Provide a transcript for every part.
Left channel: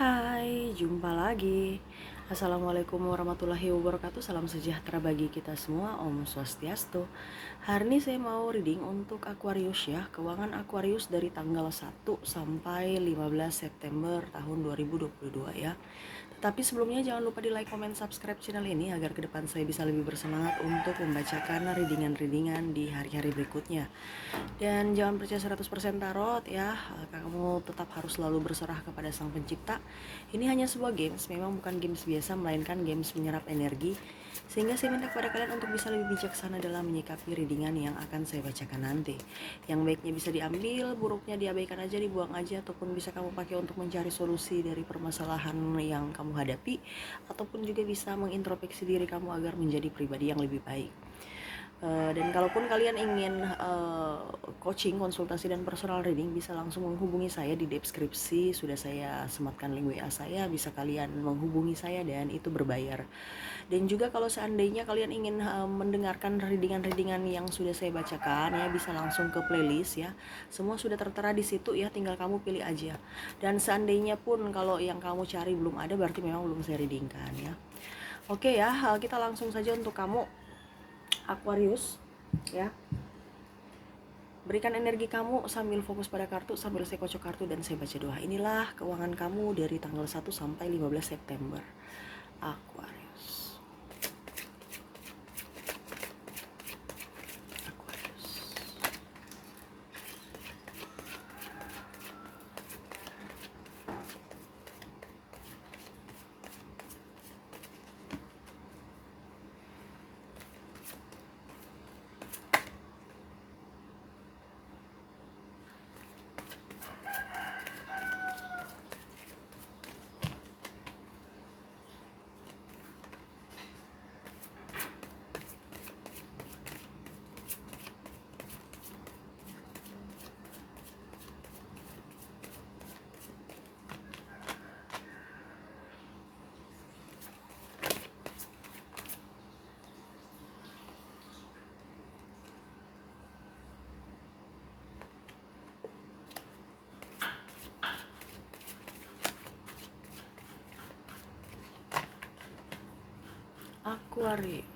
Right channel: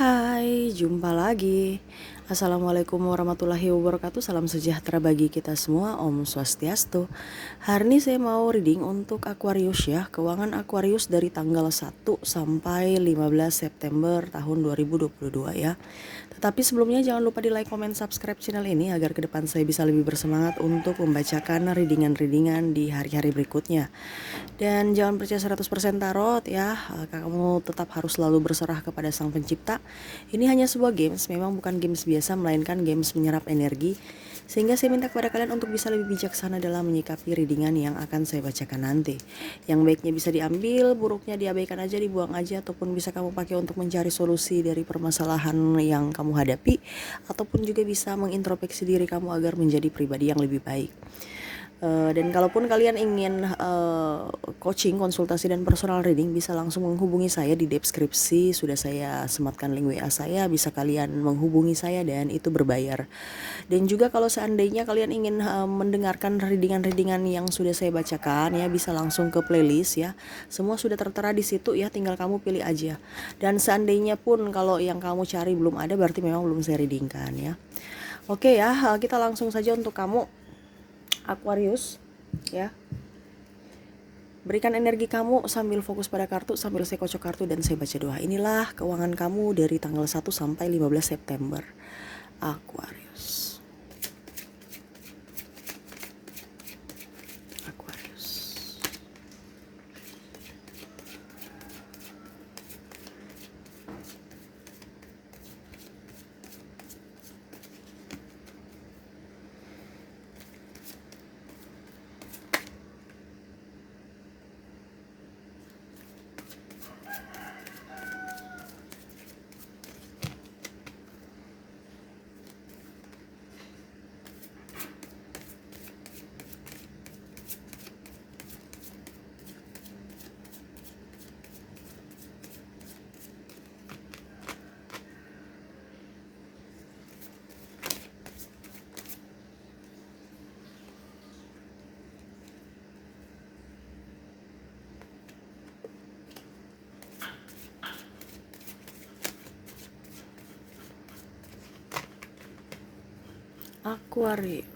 Hai, jumpa lagi. Assalamualaikum warahmatullahi wabarakatuh. Salam sejahtera bagi kita semua. Om Swastiastu. Hari ini saya mau reading untuk Aquarius ya. Keuangan Aquarius dari tanggal 1 sampai 15 September tahun 2022 ya. Tetapi sebelumnya jangan lupa di like, comment, subscribe channel ini agar ke depan saya bisa lebih bersemangat untuk membacakan readingan-readingan di hari-hari berikutnya. Dan jangan percaya 100% tarot ya. Kamu tetap harus selalu berserah kepada Sang Pencipta. Ini hanya sebuah games, memang bukan games biasa melainkan games menyerap energi. Sehingga saya minta kepada kalian untuk bisa lebih bijaksana dalam menyikapi readingan yang akan saya bacakan nanti. Yang baiknya bisa diambil, buruknya diabaikan aja, dibuang aja, ataupun bisa kamu pakai untuk mencari solusi dari permasalahan yang kamu hadapi, ataupun juga bisa mengintrospeksi diri kamu agar menjadi pribadi yang lebih baik. Dan kalaupun kalian ingin coaching, konsultasi dan personal reading, bisa langsung menghubungi saya di deskripsi. Sudah saya sematkan link WA saya, bisa kalian menghubungi saya dan itu berbayar. Dan juga kalau seandainya kalian ingin mendengarkan readingan-readingan yang sudah saya bacakan ya, bisa langsung ke playlist ya. Semua sudah tertera di situ ya, tinggal kamu pilih aja. Dan seandainya pun kalau yang kamu cari belum ada, berarti memang belum saya readingkan ya. Oke ya, kita langsung saja untuk kamu Aquarius ya. Berikan energi kamu sambil fokus pada kartu, sambil saya kocok kartu dan saya baca doa. Inilah keuangan kamu dari tanggal 1 sampai 15 September Aquarius. Aquarius. Aquarius.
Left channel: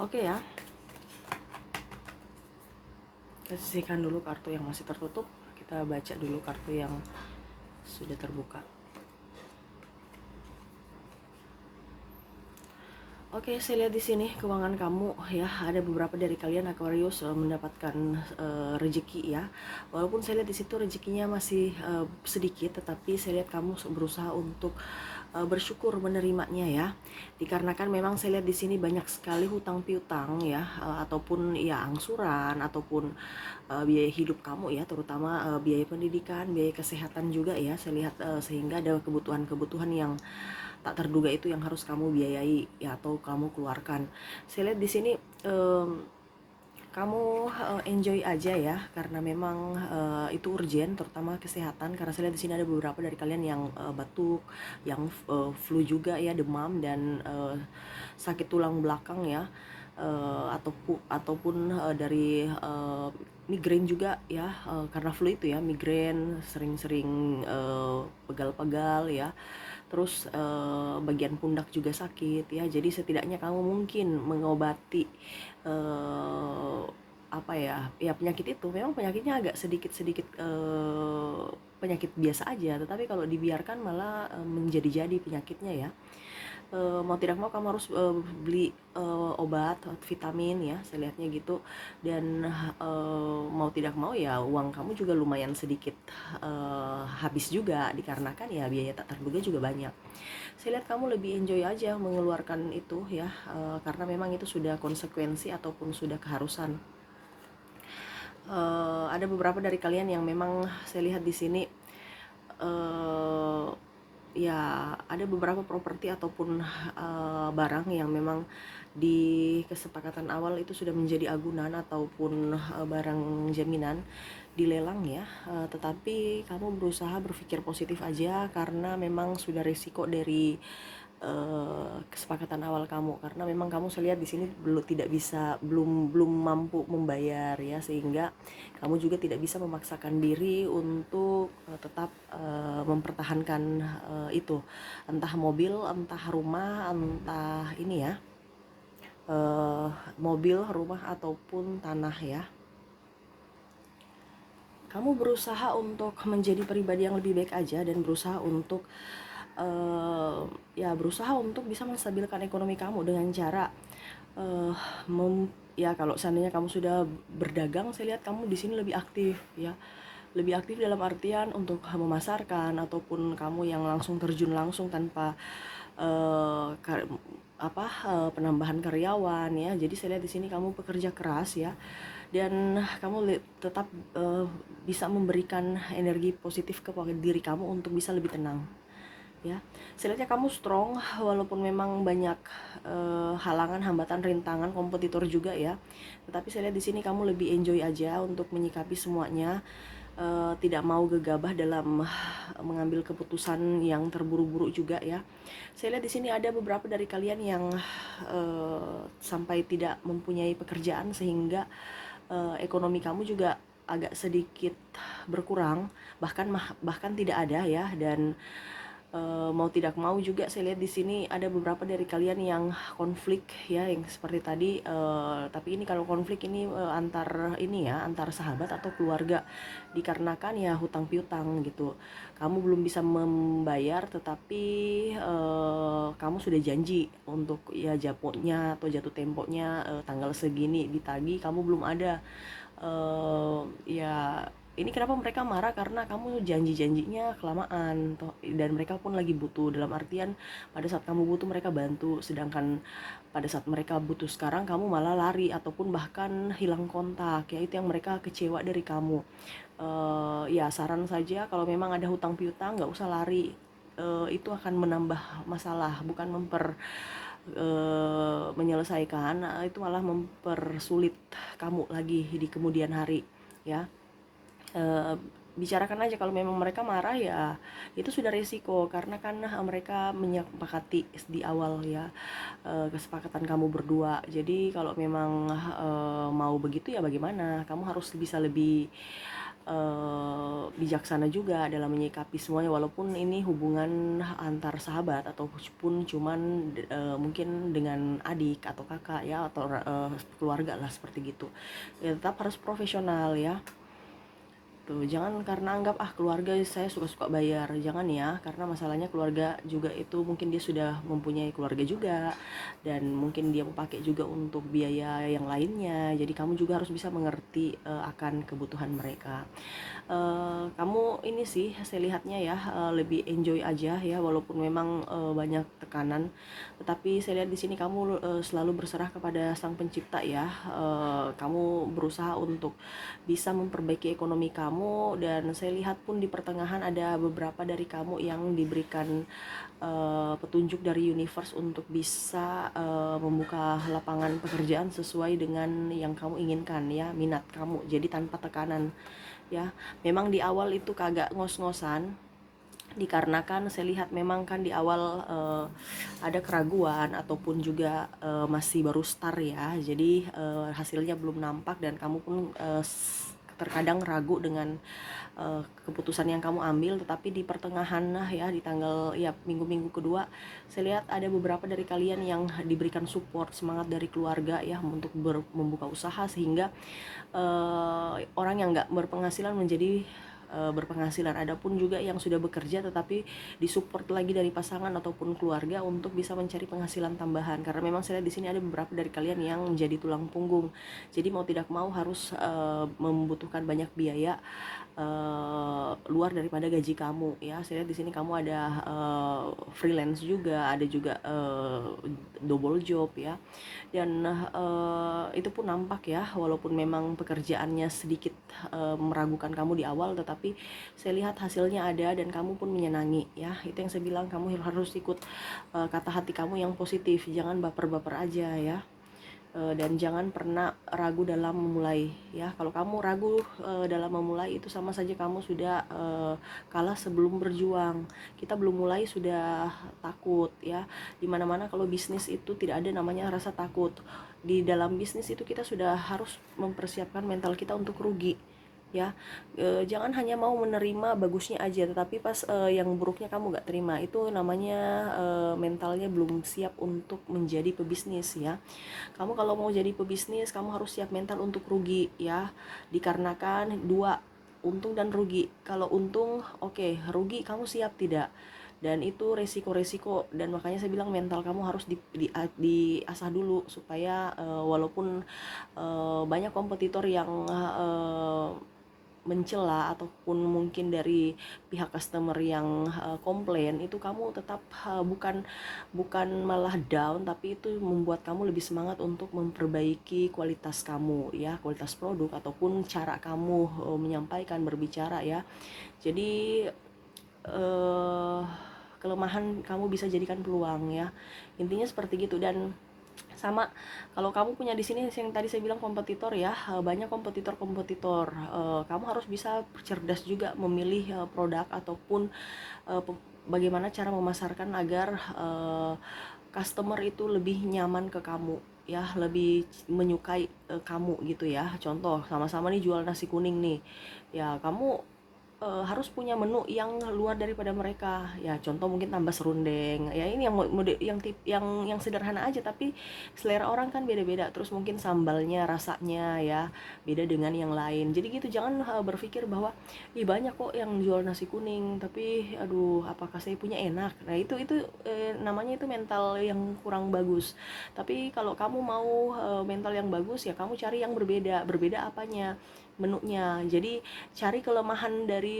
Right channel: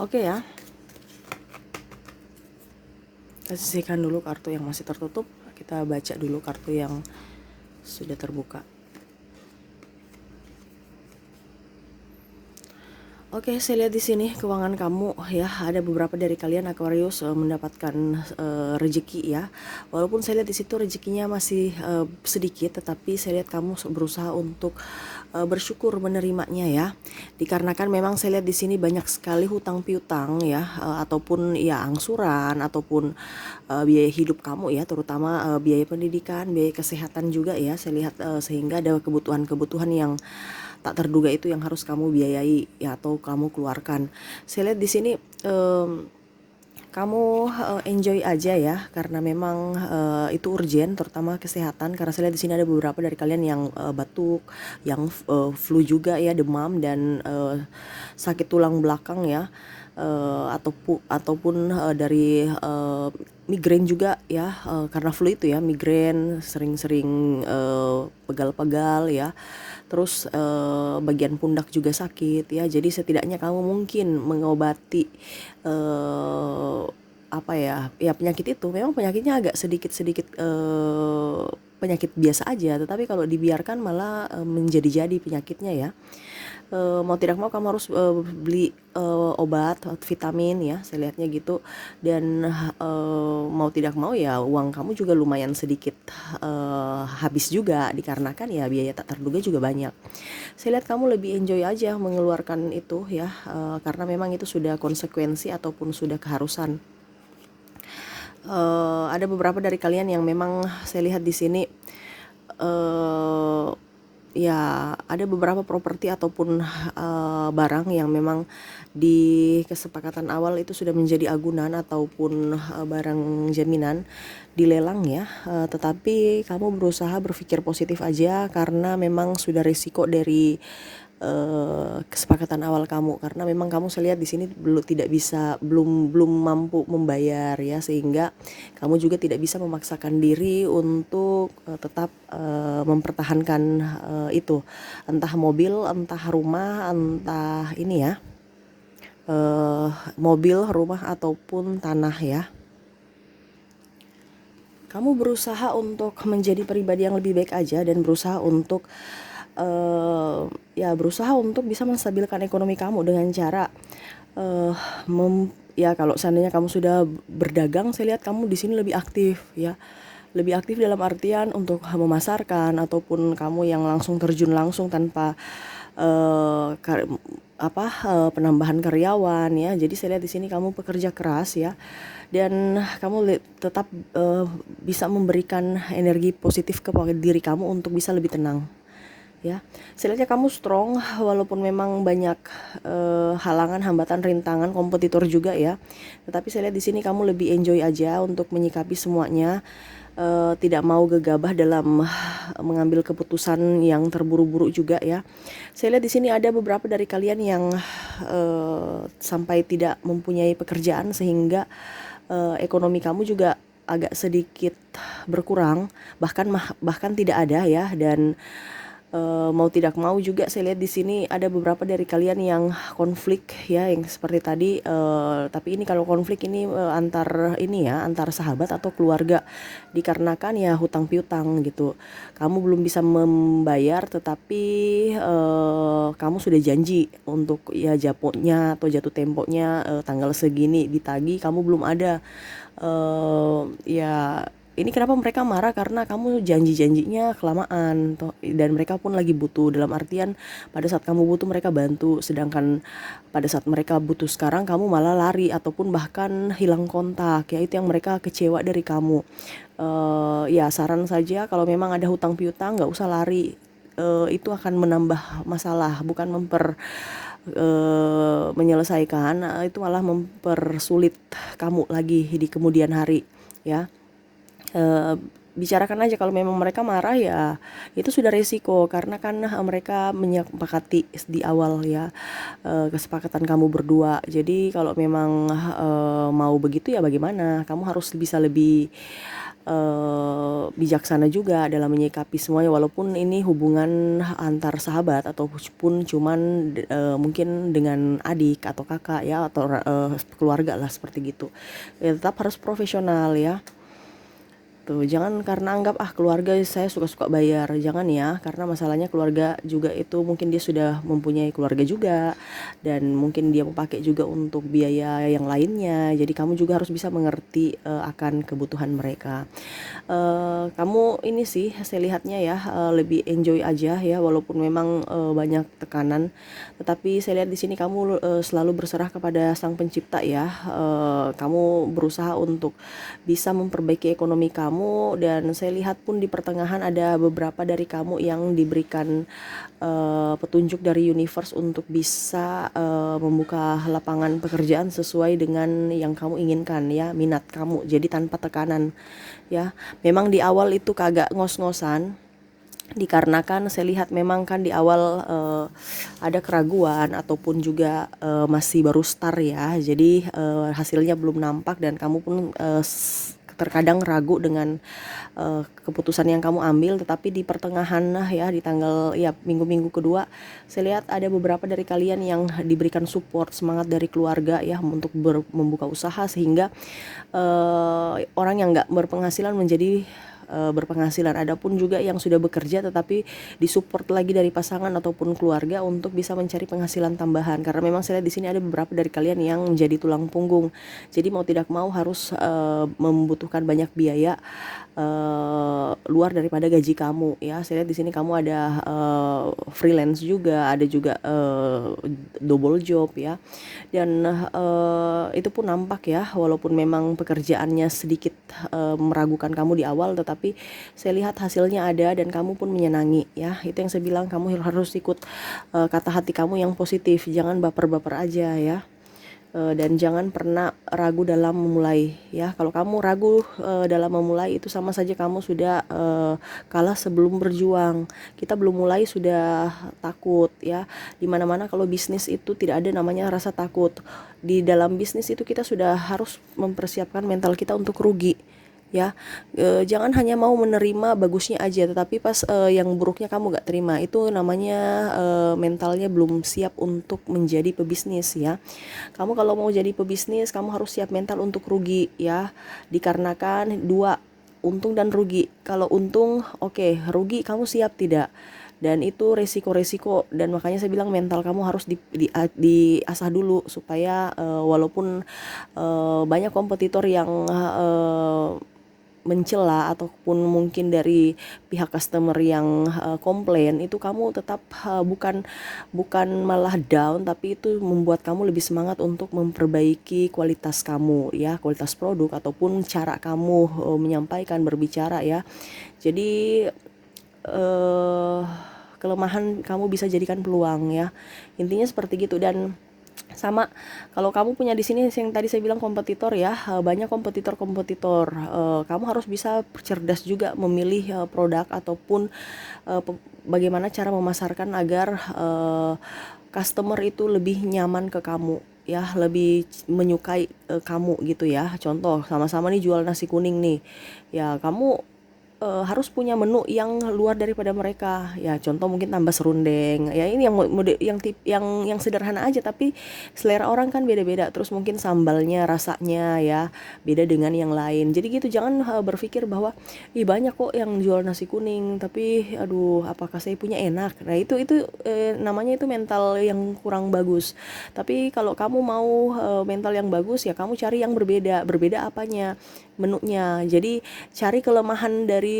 Oke ya. Kita sisihkan dulu kartu yang masih tertutup. Kita baca dulu kartu yang sudah terbuka. Oke, saya lihat di sini keuangan kamu ya, ada beberapa dari kalian Aquarius mendapatkan rezeki ya. Walaupun saya lihat di situ rezekinya masih sedikit, tetapi saya lihat kamu berusaha untuk bersyukur menerimanya ya. Dikarenakan memang saya lihat di sini banyak sekali hutang piutang ya, ataupun ya angsuran ataupun biaya hidup kamu ya, terutama biaya pendidikan, biaya kesehatan juga ya. Saya lihat sehingga ada kebutuhan-kebutuhan yang tak terduga itu yang harus kamu biayai ya, atau kamu keluarkan. Saya lihat di sini kamu enjoy aja ya, karena memang itu urgent, terutama kesehatan. Karena saya lihat di sini ada beberapa dari kalian yang batuk, yang flu juga ya, demam dan sakit tulang belakang ya, ataupun dari migrain juga ya, karena flu itu ya, migrain, sering-sering pegal-pegal ya. Terus bagian pundak juga sakit ya. Jadi setidaknya kamu mungkin mengobati apa ya penyakit itu memang penyakitnya agak sedikit penyakit biasa aja, tetapi kalau dibiarkan malah menjadi-jadi penyakitnya ya. Mau tidak mau kamu harus beli obat vitamin ya, saya lihatnya gitu. Dan mau tidak mau ya uang kamu juga lumayan sedikit habis juga, dikarenakan ya biaya tak terduga juga banyak. Saya lihat kamu lebih enjoy aja mengeluarkan itu ya, karena memang itu sudah konsekuensi ataupun sudah keharusan. Ada beberapa dari kalian yang memang saya lihat di sini ya ada beberapa properti ataupun barang yang memang di kesepakatan awal itu sudah menjadi agunan ataupun barang jaminan dilelang ya, tetapi kamu berusaha berpikir positif aja karena memang sudah risiko dari kesepakatan awal kamu, karena memang kamu saya lihat di sini belum mampu membayar ya, sehingga kamu juga tidak bisa memaksakan diri untuk tetap mempertahankan itu, entah mobil, entah rumah, entah ini ya, mobil, rumah ataupun tanah ya. Kamu berusaha untuk menjadi pribadi yang lebih baik aja dan berusaha untuk berusaha untuk bisa menstabilkan ekonomi kamu dengan cara ya kalau seandainya kamu sudah berdagang, saya lihat kamu di sini lebih aktif ya. Lebih aktif dalam artian untuk memasarkan ataupun kamu yang langsung terjun langsung tanpa penambahan karyawan ya. Jadi saya lihat di sini kamu pekerja keras ya, dan kamu tetap bisa memberikan energi positif kepada diri kamu untuk bisa lebih tenang ya. Saya lihatnya kamu strong walaupun memang banyak halangan, hambatan, rintangan, kompetitor juga ya. Tetapi saya lihat di sini kamu lebih enjoy aja untuk menyikapi semuanya. Tidak mau gegabah dalam mengambil keputusan yang terburu-buru juga ya. Saya lihat di sini ada beberapa dari kalian yang sampai tidak mempunyai pekerjaan sehingga ekonomi kamu juga agak sedikit berkurang, bahkan tidak ada ya. Dan mau tidak mau juga saya lihat di sini ada beberapa dari kalian yang konflik ya, yang seperti tadi. Tapi ini kalau konflik ini antar sahabat atau keluarga, dikarenakan ya hutang piutang gitu. Kamu belum bisa membayar, tetapi kamu sudah janji untuk ya japonya atau jatuh temponya tanggal segini ditagih, kamu belum ada. Ya ini kenapa mereka marah, karena kamu janjinya kelamaan dan mereka pun lagi butuh, dalam artian pada saat kamu butuh mereka bantu, sedangkan pada saat mereka butuh sekarang kamu malah lari ataupun bahkan hilang kontak ya. Itu yang mereka kecewa dari kamu. Ya saran saja, kalau memang ada hutang piutang nggak usah lari. Itu akan menambah masalah, bukan menyelesaikan. Itu malah mempersulit kamu lagi di kemudian hari ya. Bicarakan aja, kalau memang mereka marah ya itu sudah resiko, karena kan mereka menyepakati di awal ya, kesepakatan kamu berdua. Jadi kalau memang mau begitu ya bagaimana, kamu harus bisa lebih bijaksana juga dalam menyikapi semuanya, walaupun ini hubungan antar sahabat ataupun cuman mungkin dengan adik atau kakak ya, atau keluarga lah seperti gitu ya. Tetap harus profesional ya. Tuh, jangan karena anggap keluarga saya suka-suka bayar, jangan ya, karena masalahnya keluarga juga itu mungkin dia sudah mempunyai keluarga juga, dan mungkin dia memakai juga untuk biaya yang lainnya. Jadi kamu juga harus bisa mengerti akan kebutuhan mereka. Kamu ini sih saya lihatnya ya lebih enjoy aja ya, walaupun memang banyak tekanan, tetapi saya lihat di sini kamu selalu berserah kepada Sang Pencipta ya. Kamu berusaha untuk bisa memperbaiki ekonomi kamu, dan saya lihat pun di pertengahan ada beberapa dari kamu yang diberikan petunjuk dari universe untuk bisa membuka lapangan pekerjaan sesuai dengan yang kamu inginkan ya, minat kamu, jadi tanpa tekanan ya. Memang di awal itu kagak ngos-ngosan, dikarenakan saya lihat memang kan di awal ada keraguan ataupun juga masih baru start ya, jadi hasilnya belum nampak dan kamu pun terkadang ragu dengan keputusan yang kamu ambil, tetapi di pertengahan ya, di tanggal ya minggu-minggu kedua, saya lihat ada beberapa dari kalian yang diberikan support semangat dari keluarga ya untuk membuka usaha, sehingga orang yang nggak berpenghasilan menjadi berpenghasilan. Adapun juga yang sudah bekerja tetapi disupport lagi dari pasangan ataupun keluarga untuk bisa mencari penghasilan tambahan, karena memang saya lihat di sini ada beberapa dari kalian yang menjadi tulang punggung, jadi mau tidak mau harus membutuhkan banyak biaya luar daripada gaji kamu ya. Saya lihat di sini kamu ada freelance juga, ada juga double job ya, dan itu pun nampak ya, walaupun memang pekerjaannya sedikit meragukan kamu di awal, tetapi saya lihat hasilnya ada dan kamu pun menyenangi ya. Itu yang saya bilang, kamu harus ikut kata hati kamu yang positif, jangan baper-baper aja ya. Dan jangan pernah ragu dalam memulai ya. Kalau kamu ragu dalam memulai, itu sama saja kamu sudah kalah sebelum berjuang. Kita belum mulai sudah takut ya. Dimana-mana kalau bisnis itu tidak ada namanya rasa takut. Di dalam bisnis itu kita sudah harus mempersiapkan mental kita untuk rugi ya. Jangan hanya mau menerima bagusnya aja, tetapi pas yang buruknya kamu gak terima, itu namanya mentalnya belum siap untuk menjadi pebisnis ya. Kamu kalau mau jadi pebisnis, kamu harus siap mental untuk rugi ya, dikarenakan dua, untung dan rugi. Kalau untung oke, rugi kamu siap tidak, dan itu resiko-resiko, dan makanya saya bilang mental kamu harus diasah dulu supaya walaupun banyak kompetitor yang mencela ataupun mungkin dari pihak customer yang komplain, itu kamu tetap bukan malah down, tapi itu membuat kamu lebih semangat untuk memperbaiki kualitas kamu ya, kualitas produk ataupun cara kamu menyampaikan, berbicara ya. Jadi kelemahan kamu bisa jadikan peluang ya, intinya seperti gitu. Dan sama, kalau kamu punya di sini yang tadi saya bilang kompetitor ya, banyak kompetitor, kamu harus bisa cerdas juga memilih produk ataupun bagaimana cara memasarkan agar customer itu lebih nyaman ke kamu ya, lebih menyukai kamu gitu ya. Contoh, sama-sama nih jual nasi kuning nih ya, kamu harus punya menu yang luar daripada mereka ya. Contoh mungkin tambah serundeng ya, ini yang mode yang sederhana aja, tapi selera orang kan beda-beda. Terus mungkin sambalnya, rasanya ya beda dengan yang lain. Jadi gitu, jangan berpikir bahwa banyak kok yang jual nasi kuning tapi aduh apakah saya punya enak. Nah itu namanya itu mental yang kurang bagus. Tapi kalau kamu mau mental yang bagus ya, kamu cari yang berbeda apanya, menunya. Jadi cari kelemahan dari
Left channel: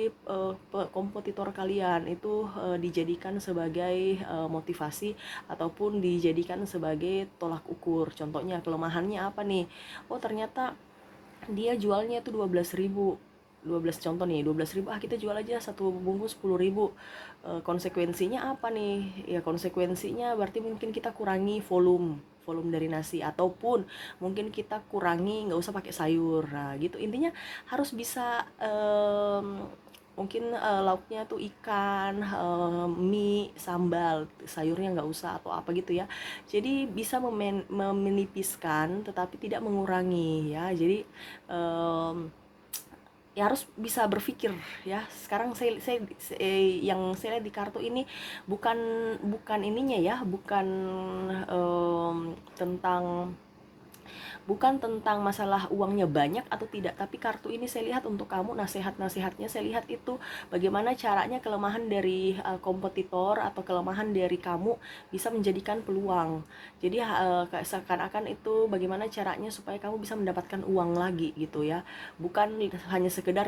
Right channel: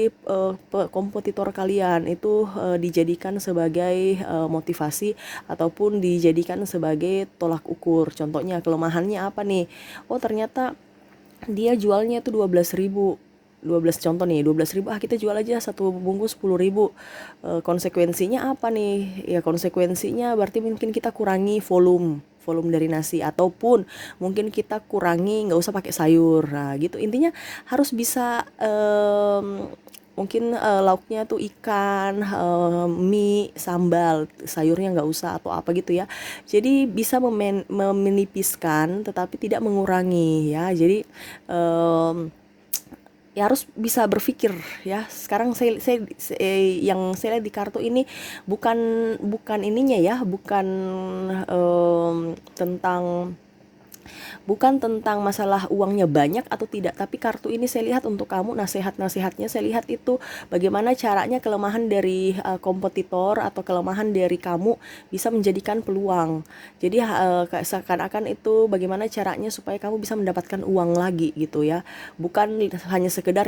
kompetitor kalian itu dijadikan sebagai motivasi ataupun dijadikan sebagai tolak ukur. Contohnya kelemahannya apa nih? Oh ternyata dia jualnya itu 12.000, 12 contoh nih, 12.000, kita jual aja satu bungkus 10.000. Konsekuensinya apa nih? Ya konsekuensinya berarti mungkin kita kurangi volume dari nasi, ataupun mungkin kita kurangi nggak usah pakai sayur. Nah gitu, intinya harus bisa mungkin lauknya tuh ikan, mie, sambal, sayurnya nggak usah atau apa gitu ya. Jadi bisa memenipiskan tetapi tidak mengurangi ya. Jadi ya harus bisa berpikir ya. Sekarang yang saya lihat di kartu ini bukan ininya ya, bukan tentang masalah uangnya banyak atau tidak, tapi kartu ini saya lihat untuk kamu, nasihatnya saya lihat itu bagaimana caranya kelemahan dari kompetitor atau kelemahan dari kamu bisa menjadikan peluang. Jadi seakan-akan itu bagaimana caranya supaya kamu bisa mendapatkan uang lagi gitu ya. Bukan hanya sekedar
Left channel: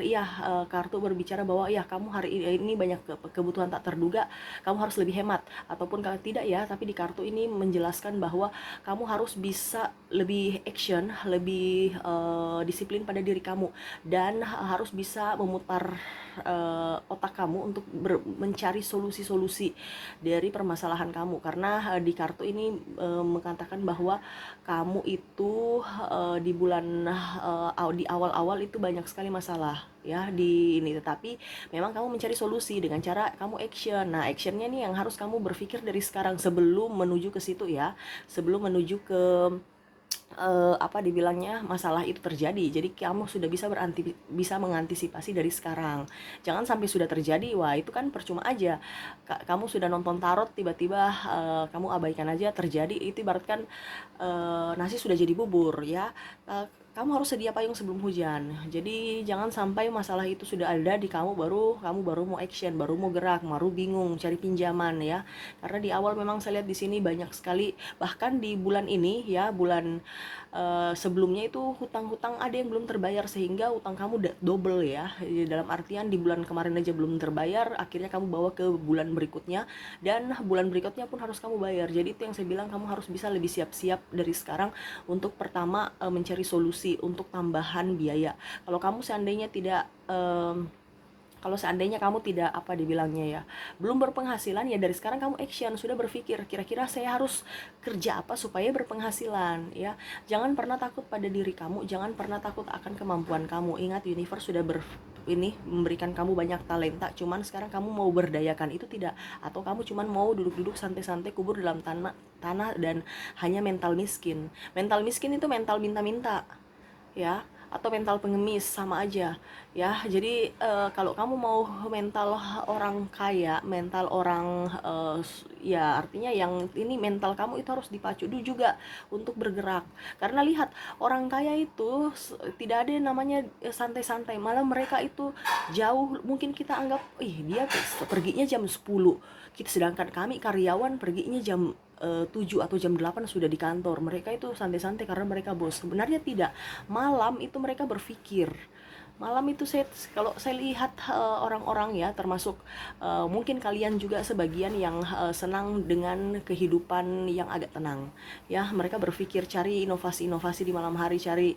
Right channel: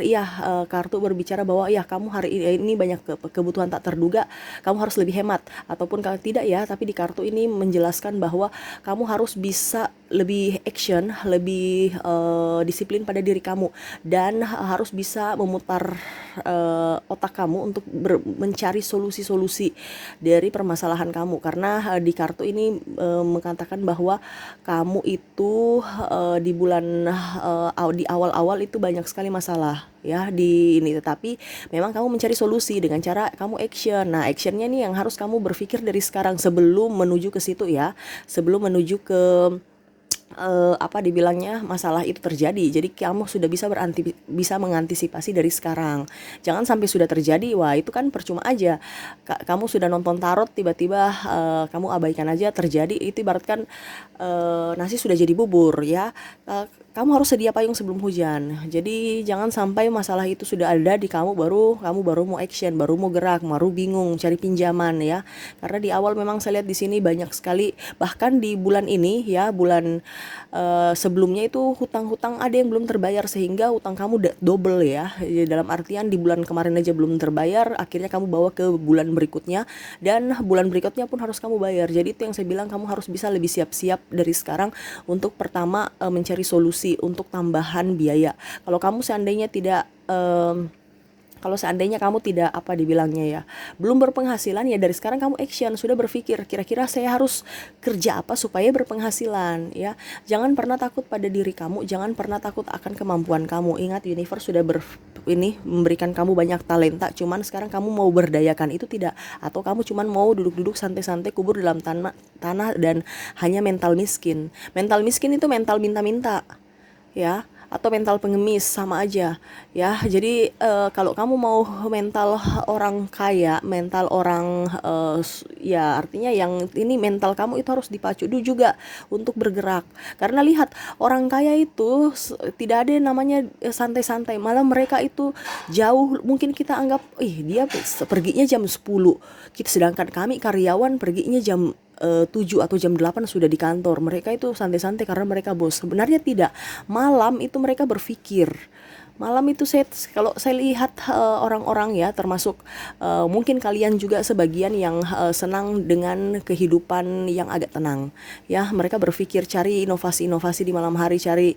kartu berbicara bahwa kamu hari ini banyak kebutuhan tak terduga, kamu harus lebih hemat, ataupun kalau tidak ya, tapi di kartu ini menjelaskan bahwa kamu harus bisa lebih action, lebih disiplin pada diri kamu, dan harus bisa memutar otak kamu untuk mencari solusi-solusi dari permasalahan kamu. Karena di kartu ini mengatakan bahwa kamu itu di awal-awal itu banyak sekali masalah ya di ini, tetapi memang kamu mencari solusi dengan cara kamu action. Nah actionnya nih yang harus kamu berpikir dari sekarang sebelum menuju ke situ ya, sebelum menuju ke apa dibilangnya, masalah itu terjadi. Jadi kamu sudah bisa mengantisipasi dari sekarang. Jangan sampai sudah terjadi, wah itu kan percuma aja. Kamu sudah nonton tarot tiba-tiba kamu abaikan aja terjadi, itu ibaratkan nasi sudah jadi bubur ya. Kamu harus sedia payung sebelum hujan. Jadi jangan sampai masalah itu sudah ada di kamu baru mau action, baru mau gerak, baru bingung cari pinjaman ya. Karena di awal memang saya lihat di sini banyak sekali, bahkan di bulan ini ya, bulan sebelumnya itu hutang-hutang ada yang belum terbayar, sehingga hutang kamu double ya. Dalam artian di bulan kemarin aja belum terbayar, akhirnya kamu bawa ke bulan berikutnya, dan bulan berikutnya pun harus kamu bayar. Jadi itu yang saya bilang, kamu harus bisa lebih siap-siap dari sekarang untuk pertama mencari solusi untuk tambahan biaya. Kalau kamu seandainya tidak kalau seandainya kamu tidak apa dibilangnya ya, belum berpenghasilan, ya dari sekarang kamu action, sudah berpikir kira-kira saya harus kerja apa supaya berpenghasilan ya. Jangan pernah takut pada diri kamu, jangan pernah takut akan kemampuan kamu. Ingat, universe sudah memberikan kamu banyak talenta, cuman sekarang kamu mau berdayakan itu tidak, atau kamu cuman mau duduk-duduk santai-santai kubur dalam tanah dan hanya mental miskin. Mental miskin itu mental minta-minta ya, atau mental pengemis, sama aja ya. Jadi kalau kamu mau mental orang kaya, mental orang ya artinya yang ini, mental kamu itu harus dipacu dulu juga untuk bergerak. Karena lihat, orang kaya itu tidak ada yang namanya santai-santai, malah mereka itu jauh, mungkin kita anggap dia perginya jam 10, sedangkan kami karyawan perginya jam 7 atau jam 8 sudah di kantor. Mereka itu santai-santai karena mereka bos. Sebenarnya tidak. Malam itu mereka berpikir. Malam itu kalau saya lihat orang-orang ya, termasuk mungkin kalian juga sebagian yang senang dengan kehidupan yang agak tenang ya. Mereka berpikir cari inovasi-inovasi di malam hari, cari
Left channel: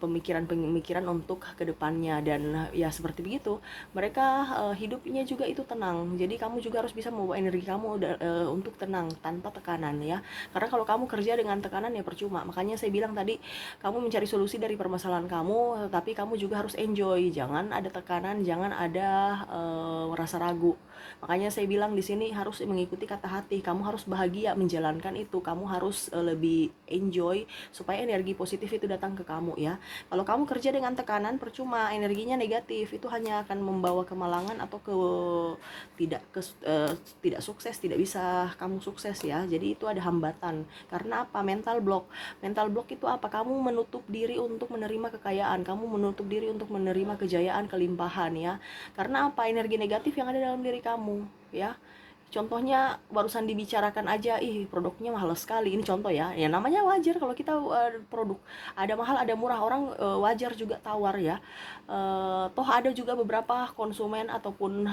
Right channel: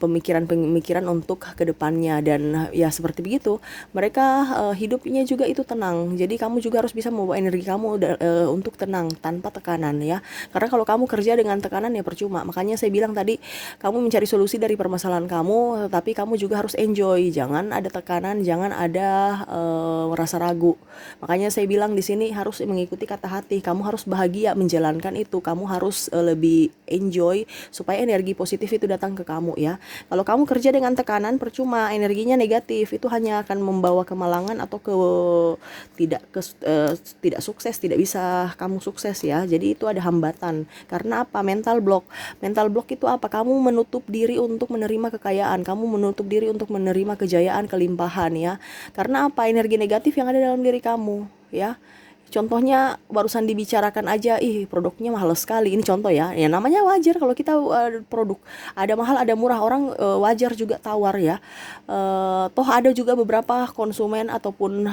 pemikiran-pemikiran untuk kedepannya, dan ya seperti begitu. Mereka hidupnya juga itu tenang. Jadi kamu juga harus bisa membawa energi kamu untuk tenang tanpa tekanan ya. Karena kalau kamu kerja dengan tekanan ya percuma. Makanya saya bilang tadi, kamu mencari solusi dari permasalahan kamu, tapi kamu juga harus enjoy. Jangan ada tekanan, jangan ada rasa ragu. Makanya saya bilang di sini harus mengikuti kata hati. Kamu harus bahagia menjalankan itu. Kamu harus lebih enjoy supaya energi positif itu datang ke kamu ya. Kalau kamu kerja dengan tekanan, percuma, energinya negatif. Itu hanya akan membawa kemalangan atau tidak sukses, tidak bisa kamu sukses ya. Jadi itu ada hambatan. Karena apa? Mental block. Mental block itu apa? Kamu menutup diri untuk menerima kekayaan, kamu menutup diri untuk menerima kejayaan, kelimpahan ya. Karena apa? Energi negatif yang ada dalam diri kamu ya. Contohnya barusan dibicarakan aja, produknya mahal sekali. Ini contoh ya. Ya namanya wajar kalau kita produk ada mahal ada murah, orang wajar juga tawar ya. Toh ada juga beberapa konsumen ataupun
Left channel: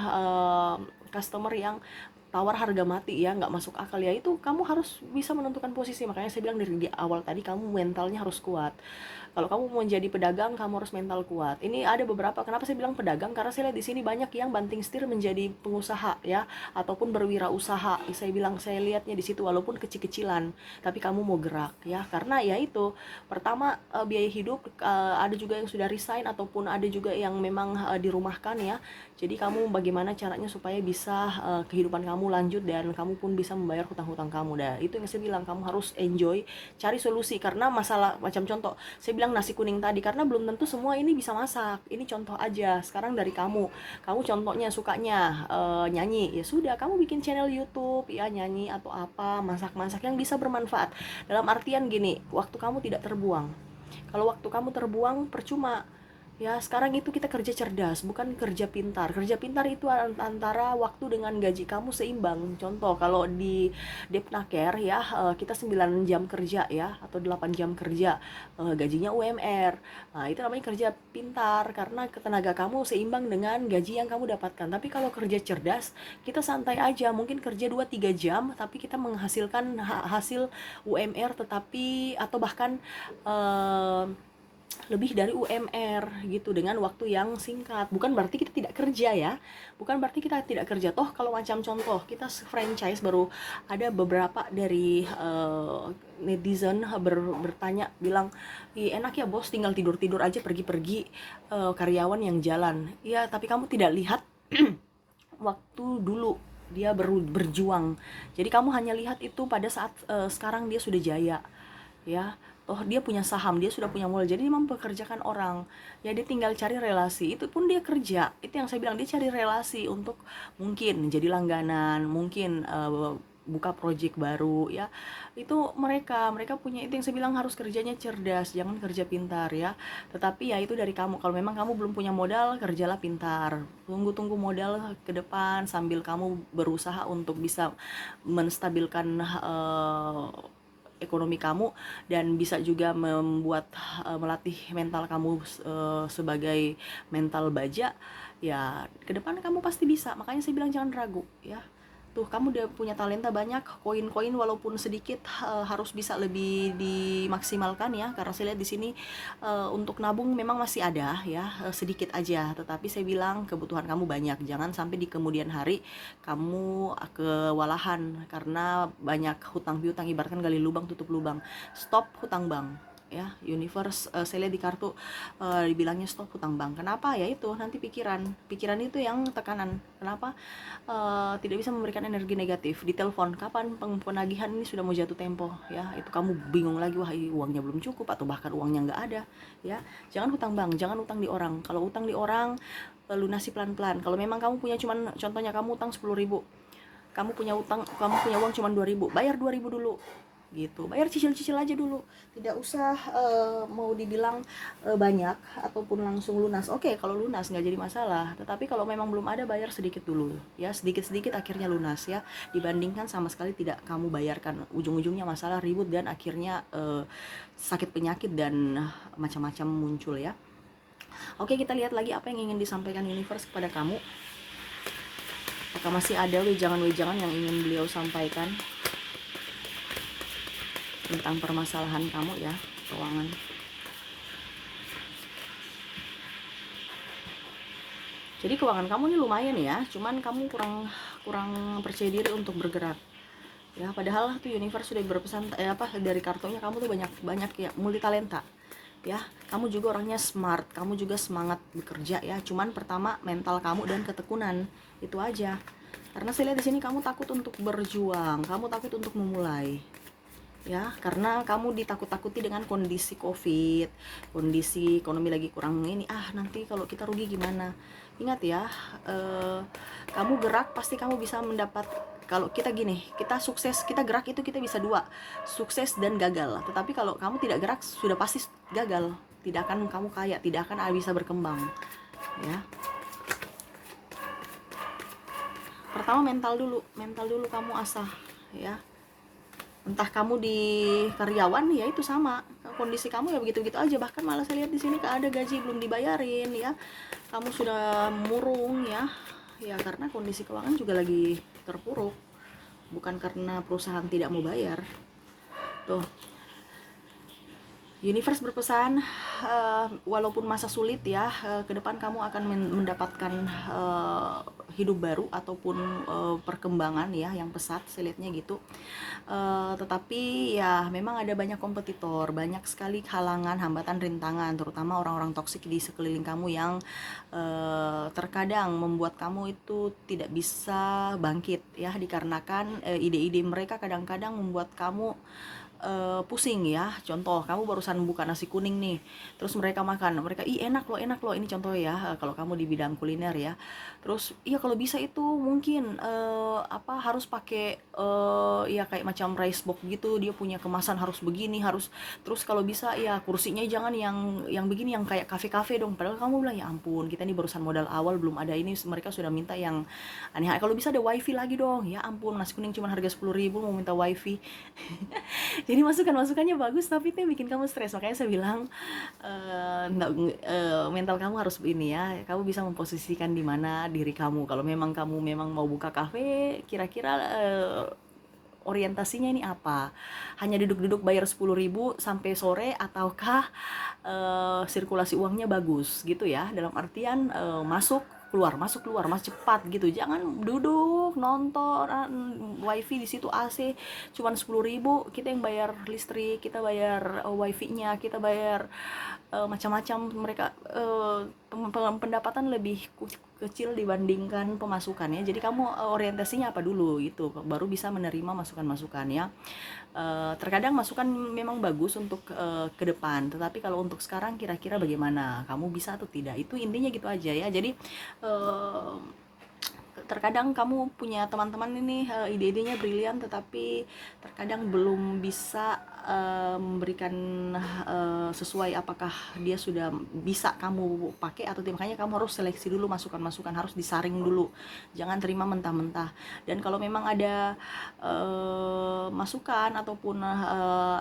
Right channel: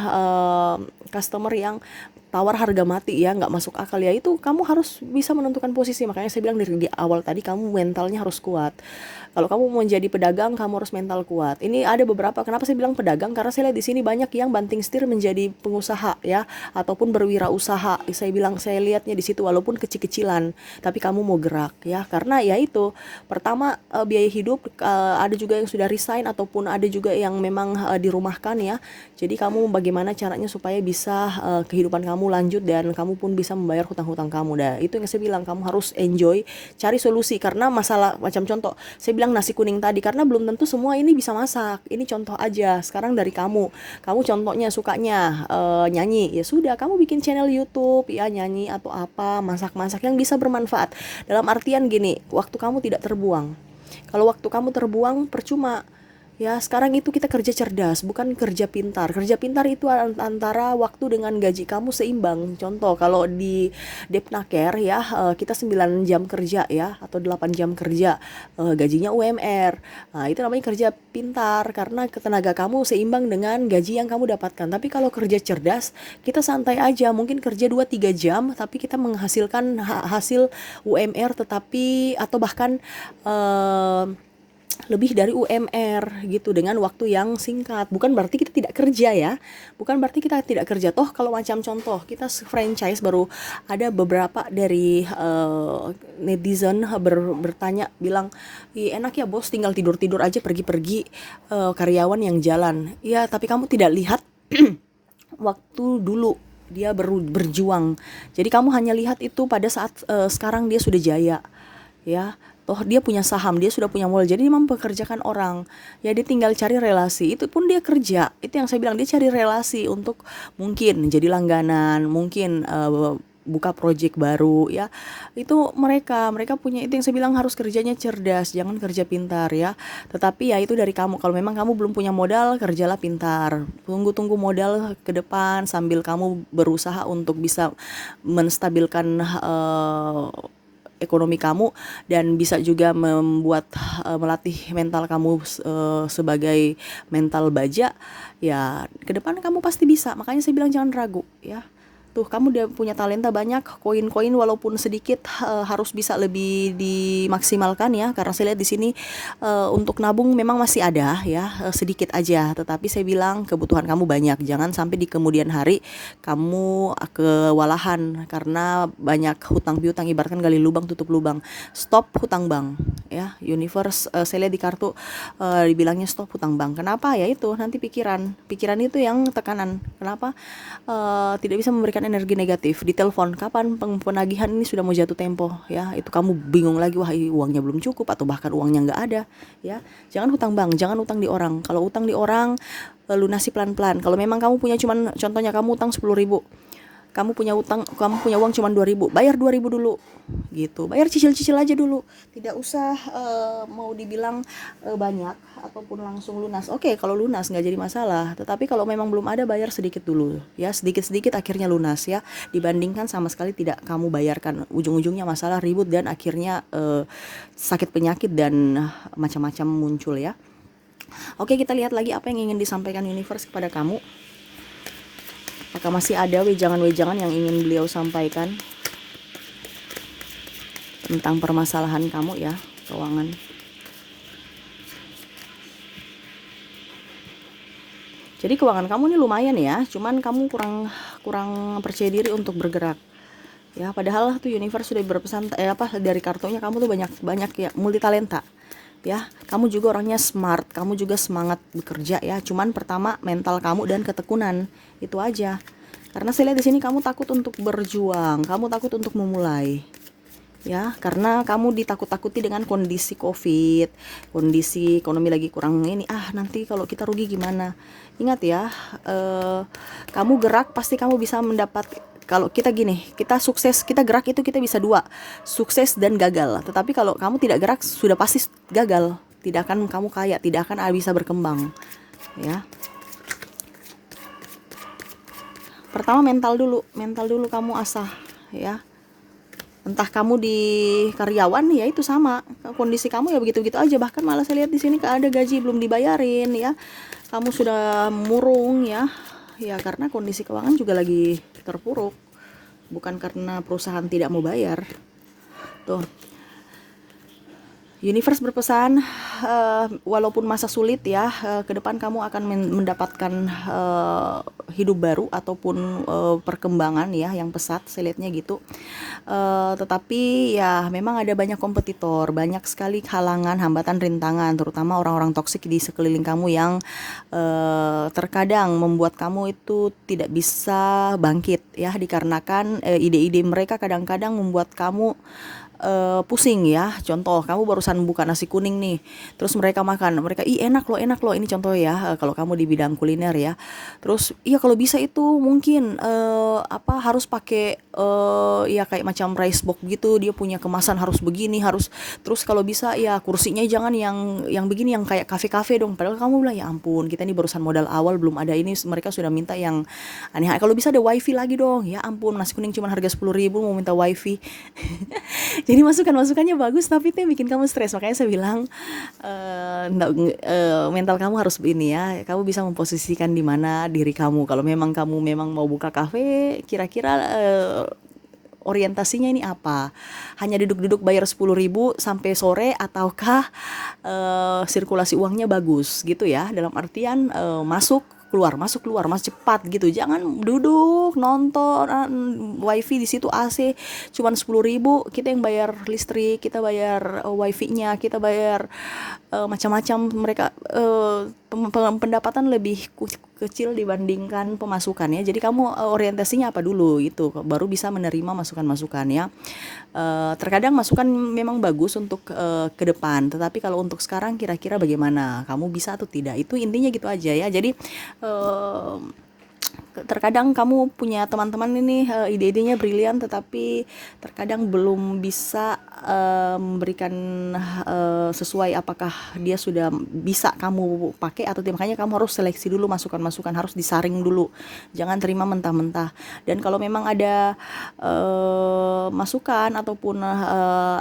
customer yang tawar harga mati ya, nggak masuk akal ya. Itu kamu harus bisa menentukan posisi. Makanya saya bilang dari di awal tadi, kamu mentalnya harus kuat. Kalau kamu mau menjadi pedagang, kamu harus mental kuat. Ini ada beberapa, kenapa saya bilang pedagang, karena saya lihat di sini banyak yang banting setir menjadi pengusaha ya, ataupun berwirausaha. Saya lihatnya di situ, walaupun kecil-kecilan, tapi kamu mau gerak ya. Karena ya itu, pertama biaya hidup, ada juga yang sudah resign, ataupun ada juga yang memang dirumahkan ya. Jadi kamu bagaimana caranya supaya bisa kehidupan kamu lanjut, dan kamu pun bisa membayar hutang-hutang kamu. Dah itu yang saya bilang, kamu harus enjoy, cari solusi. Karena masalah, macam contoh saya bilang nasi kuning tadi, karena belum tentu semua ini bisa masak. Ini contoh aja. Sekarang dari kamu contohnya sukanya nyanyi, ya sudah, kamu bikin channel YouTube ya, nyanyi atau apa, masak-masak yang bisa bermanfaat. Dalam artian gini, waktu kamu tidak terbuang. Kalau waktu kamu terbuang, percuma. Ya, sekarang itu kita kerja cerdas, bukan kerja pintar. Kerja pintar itu antara waktu dengan gaji kamu seimbang. Contoh, kalau di Depnaker ya, kita 9 jam kerja ya, atau 8 jam kerja, gajinya UMR. Nah, itu namanya kerja pintar, karena tenaga kamu seimbang dengan gaji yang kamu dapatkan. Tapi kalau kerja cerdas, kita santai aja, mungkin kerja 2-3 jam, tapi kita menghasilkan hasil UMR, tetapi atau bahkan lebih dari UMR gitu, dengan waktu yang singkat. Bukan berarti kita tidak kerja ya, bukan berarti kita tidak kerja. Toh kalau macam contoh kita franchise, baru ada beberapa dari netizen bertanya, bilang, enak ya bos, tinggal tidur-tidur aja, pergi-pergi, karyawan yang jalan. Ya tapi kamu tidak lihat waktu dulu dia berjuang. Jadi kamu hanya lihat itu pada saat sekarang dia sudah jaya ya. Toh dia punya saham, dia sudah punya modal, jadi dia mempekerjakan orang. Ya dia tinggal cari relasi, itu pun dia kerja. Itu yang saya bilang, dia cari relasi untuk mungkin jadi langganan, mungkin buka project baru ya. Itu mereka punya, itu yang saya bilang harus kerjanya cerdas, jangan kerja pintar ya. Tetapi ya itu dari kamu. Kalau memang kamu belum punya modal, kerjalah pintar. Tunggu modal ke depan sambil kamu berusaha untuk bisa menstabilkan ekonomi kamu, dan bisa juga membuat melatih mental kamu sebagai mental baja. Ya ke depan kamu pasti bisa. Makanya saya bilang jangan ragu ya. Tuh kamu udah punya talenta banyak, koin-koin walaupun sedikit harus bisa lebih dimaksimalkan ya, karena saya lihat di sini untuk nabung memang masih ada ya, sedikit aja, tetapi saya bilang kebutuhan kamu banyak. Jangan sampai di kemudian hari kamu kewalahan karena banyak hutang piutang, ibaratkan gali lubang tutup lubang. Stop hutang bank ya. Universe saya lihat di kartu dibilangnya stop hutang bank. Kenapa? Ya itu nanti pikiran itu yang tekanan. Kenapa tidak bisa memberikan energi negatif. Di telepon, kapan penagihan ini sudah mau jatuh tempo ya, itu kamu bingung lagi, wah uangnya belum cukup atau bahkan uangnya nggak ada ya. Jangan hutang bank, jangan utang di orang. Kalau utang di orang lunasi pelan-pelan. Kalau memang kamu punya, cuman contohnya kamu utang 10.000, kamu punya uang cuma 2.000, bayar 2.000 dulu gitu, bayar cicil-cicil aja dulu, tidak usah mau dibilang banyak ataupun langsung lunas. Oke, kalau lunas nggak jadi masalah, tetapi kalau memang belum ada, bayar sedikit dulu ya, sedikit-sedikit akhirnya lunas ya, dibandingkan sama sekali tidak kamu bayarkan, ujung-ujungnya masalah, ribut, dan akhirnya sakit penyakit dan macam-macam muncul ya. Oke, kita lihat lagi apa yang ingin disampaikan universe kepada kamu. Apakah masih ada wejangan-wejangan yang ingin beliau sampaikan tentang permasalahan kamu ya, keuangan. Jadi keuangan kamu ini lumayan ya, cuman kamu kurang percaya diri untuk bergerak. Ya, padahal tuh universe sudah berpesan dari kartunya kamu tuh banyak ya, multi talenta. Ya, kamu juga orangnya smart, kamu juga semangat bekerja ya. Cuman pertama mental kamu dan ketekunan, itu aja. Karena saya lihat di sini kamu takut untuk berjuang, kamu takut untuk memulai. Ya, karena kamu ditakut-takuti dengan kondisi Covid, kondisi ekonomi lagi kurang ini. Nanti kalau kita rugi gimana? Ingat ya, kamu gerak pasti kamu bisa mendapat. Kalau kita gini, kita sukses, kita gerak itu kita bisa dua, sukses dan gagal. Tetapi kalau kamu tidak gerak, sudah pasti gagal. Tidak akan kamu kaya, tidak akan bisa berkembang. Ya. Pertama mental dulu kamu asah ya. Entah kamu di karyawan ya itu sama, kondisi kamu ya begitu-begitu aja, bahkan malah saya lihat di sini ada gaji belum dibayarin ya. Kamu sudah murung ya. Ya karena kondisi keuangan juga lagi terpuruk. Bukan karena perusahaan tidak mau bayar. Tuh. Universe berpesan, walaupun masa sulit ya, ke depan kamu akan mendapatkan hidup baru ataupun perkembangan ya yang pesat, saya lihatnya gitu. Tetapi ya memang ada banyak kompetitor, banyak sekali halangan, hambatan, rintangan, terutama orang-orang toksik di sekeliling kamu yang terkadang membuat kamu itu tidak bisa bangkit ya, dikarenakan ide-ide mereka kadang-kadang membuat kamu pusing ya. Contoh, kamu barusan buka nasi kuning nih, terus mereka makan, mereka enak loh, ini contoh ya, kalau kamu di bidang kuliner ya. Terus iya kalau bisa itu mungkin harus pakai ya kayak macam rice box gitu, dia punya kemasan harus begini, harus, terus kalau bisa ya kursinya jangan yang begini, yang kayak kafe-kafe dong. Padahal kamu bilang ya ampun, kita ini barusan modal awal, belum ada ini, mereka sudah minta yang aneh. Kalau bisa ada wifi lagi dong, ya ampun, nasi kuning cuma harga 10.000 mau minta wifi. Jadi masukannya bagus, tapi itu yang bikin kamu stres. Makanya saya bilang mental kamu harus ini ya, kamu bisa memposisikan di mana diri kamu. Kalau memang kamu mau buka kafe, kira-kira orientasinya ini apa? Hanya duduk-duduk bayar 10.000 sampai sore, ataukah sirkulasi uangnya bagus gitu ya, dalam artian masuk keluar masuk cepat gitu. Jangan duduk nonton wifi di situ, AC cuman 10.000, kita yang bayar listrik, kita bayar wifi-nya, kita bayar macam-macam mereka, pendapatan lebih kecil dibandingkan pemasukan ya. Jadi kamu orientasinya apa dulu itu, baru bisa menerima masukan-masukan ya. Terkadang masukan memang bagus untuk ke depan, tetapi kalau untuk sekarang kira-kira bagaimana? Kamu bisa atau tidak? Itu intinya gitu aja ya. Jadi eh, terkadang kamu punya teman-teman ini ide-idenya brilian, tetapi terkadang belum bisa memberikan sesuai apakah dia sudah bisa kamu pakai atau tidak. Makanya kamu harus seleksi dulu masukan-masukan, harus disaring dulu, jangan terima mentah-mentah. Dan kalau memang ada masukan ataupun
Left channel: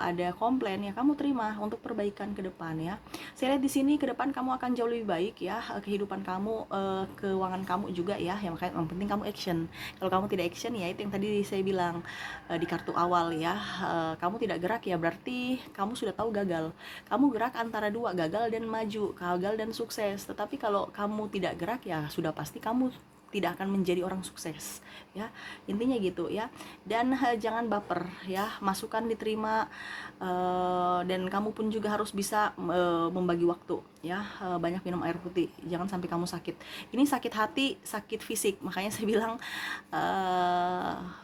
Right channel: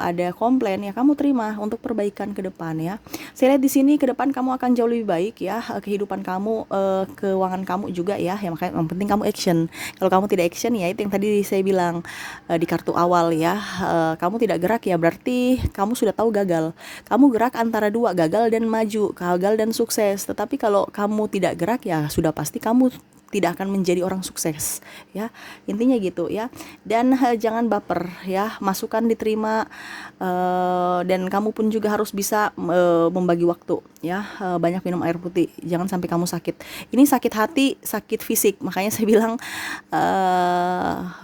ada komplain ya kamu terima untuk perbaikan ke depan ya. Saya lihat di sini ke depan kamu akan jauh lebih baik ya, kehidupan kamu, keuangan kamu juga ya. Makanya yang penting kamu action. Kalau kamu tidak action ya itu yang tadi saya bilang di kartu awal ya, kamu tidak gerak ya berarti kamu sudah tahu gagal. Kamu gerak antara dua, gagal dan maju, gagal dan sukses. Tetapi kalau kamu tidak gerak ya sudah pasti kamu tidak akan menjadi orang sukses ya, intinya gitu ya. Dan jangan baper ya, masukan diterima, dan kamu pun juga harus bisa membagi waktu ya. Banyak minum air putih, jangan sampai kamu sakit. Ini sakit hati, sakit fisik, makanya saya bilang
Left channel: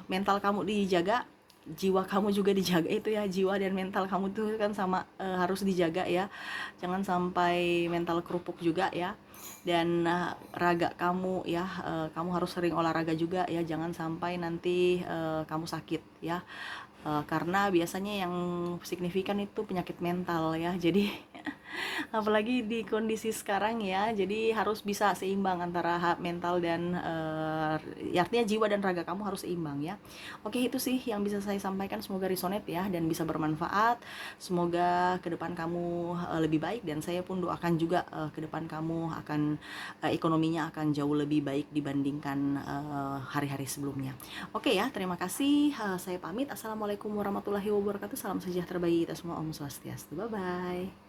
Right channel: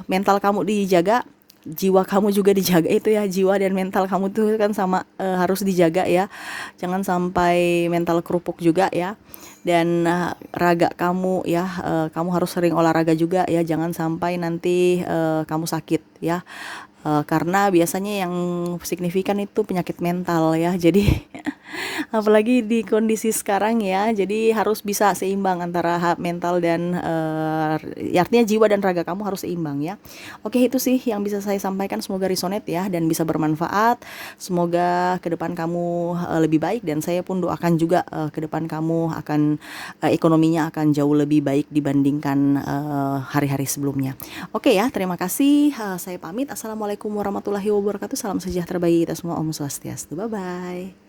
mental kamu dijaga, jiwa kamu juga dijaga itu ya. Jiwa dan mental kamu tuh kan sama, harus dijaga ya, jangan sampai mental kerupuk juga ya. Dan raga kamu ya, kamu harus sering olahraga juga ya, jangan sampai nanti kamu sakit ya. Karena biasanya yang signifikan itu penyakit mental ya. Jadi apalagi di kondisi sekarang ya, jadi harus bisa seimbang antara mental dan artinya jiwa dan raga kamu harus seimbang ya. Oke, itu sih yang bisa saya sampaikan, semoga resonate ya dan bisa bermanfaat. Semoga ke depan kamu lebih baik, dan saya pun doakan juga ke depan kamu akan ekonominya akan jauh lebih baik dibandingkan hari-hari sebelumnya. Oke ya, terima kasih. Saya pamit. Assalamualaikum warahmatullahi wabarakatuh. Salam sejahtera bagi kita semua. Om Swastiastu. Bye bye.